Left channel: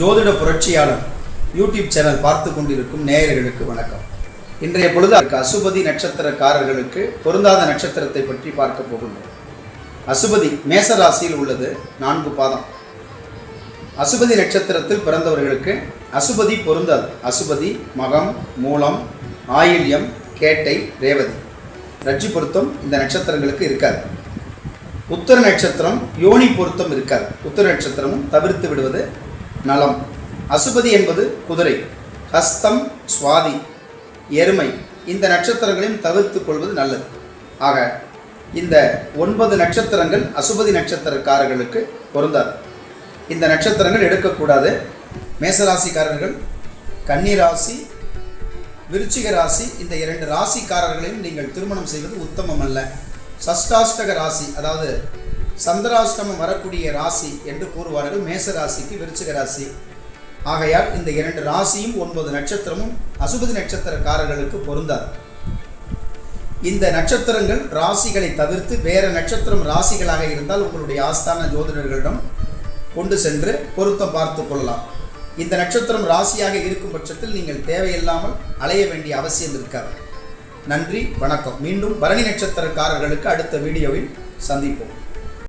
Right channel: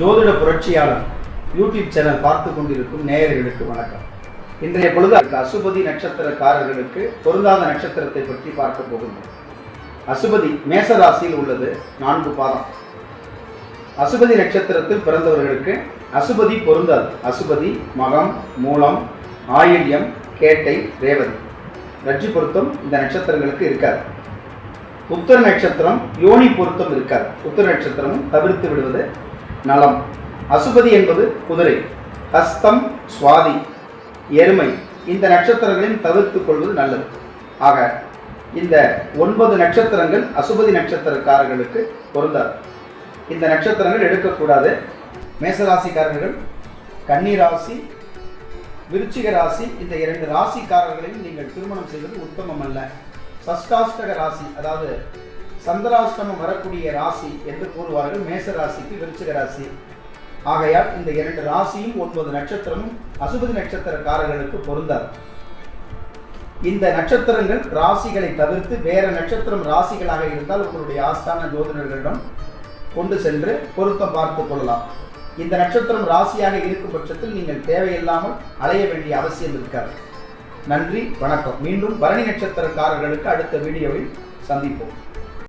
ஜோதிட புரட்சியாளர் YouTube channel பார்த்து கொண்டிருக்கும் நேயர்களுக்கு வணக்கம். இன்றைய பொழுது அசுபதி நட்சத்திரக்காரர்களுக்கு பொருந்தாத நட்சத்திரத்தை பற்றி பார்க்க போகின்றோம். அசுபதி மேச ராசியில் உள்ளது நான்கு பாதம். அசுபதி நட்சத்திரத்தில் பிறந்தவர்களுக்கு அசுபதி பொருந்தாது. அசுபதி மகம் மூலம் ஆயில்யம் கேட்டை ரேவதி. ரட்சி பொருத்தம் இந்த நட்சத்திரங்களுக்கு இருக்காது. உத்தர நட்சத்திரம் யோனி பொருத்தம் இருக்காது. உத்தர நட்சத்திரமும் தவிர்த்து விடுவது நலம். அசுபதி என்பது குதிரை. ஹஸ்தம் சுவாதி எருமை. இந்த நட்சத்திரங்களையும் தவிர்த்து கொள்வது நல்லது. ஆக இந்த ஒன்பது நட்சத்திரங்கள் அசுபதி நட்சத்திரக்காரர்களுக்கு பொருந்தாது. இந்த நட்சத்திரங்கள் எடுக்கக்கூடாது. மேசராசிக்காரர்கள் கன்னிராசி விருச்சிக ராசி இந்த இரண்டு ராசிக்காரர்களையும் நீங்கள் திருமணம் செய்வது உத்தமம் அல்ல சஷ்டாஷ்டக ராசி அதாவது சந்திராஷ்டமம் வரக்கூடிய ராசி என்று கூறுவார்கள். மேச ராசிக்கு விருச்சிக ராசி. ஆகையால் இந்த இரண்டு ராசியும் ஒன்பது நட்சத்திரமும் அசுபதி நட்சத்திரக்காரர்களுக்கு பொருந்தாது. இந்த நட்சத்திரங்கள் ராசிகளை தவிர்த்து வேற நட்சத்திரம் ராசிகளாக இருந்தால் உங்களுடைய ஆஸ்தான ஜோதிடர்களிடம் கொண்டு சென்று பொருத்தம் பார்த்து கொள்ளலாம். இந்த நட்சத்திரம் ராசியாக இருக்கும் பட்சத்தில் நீங்கள் தேவையில்லாமல் அலைய வேண்டிய அவசியம் இருக்காது. நன்றி வணக்கம். மீண்டும் பரணி நட்சத்திரக்காரர்களுக்கு அடுத்த வீடியோவில் சந்திப்போம்.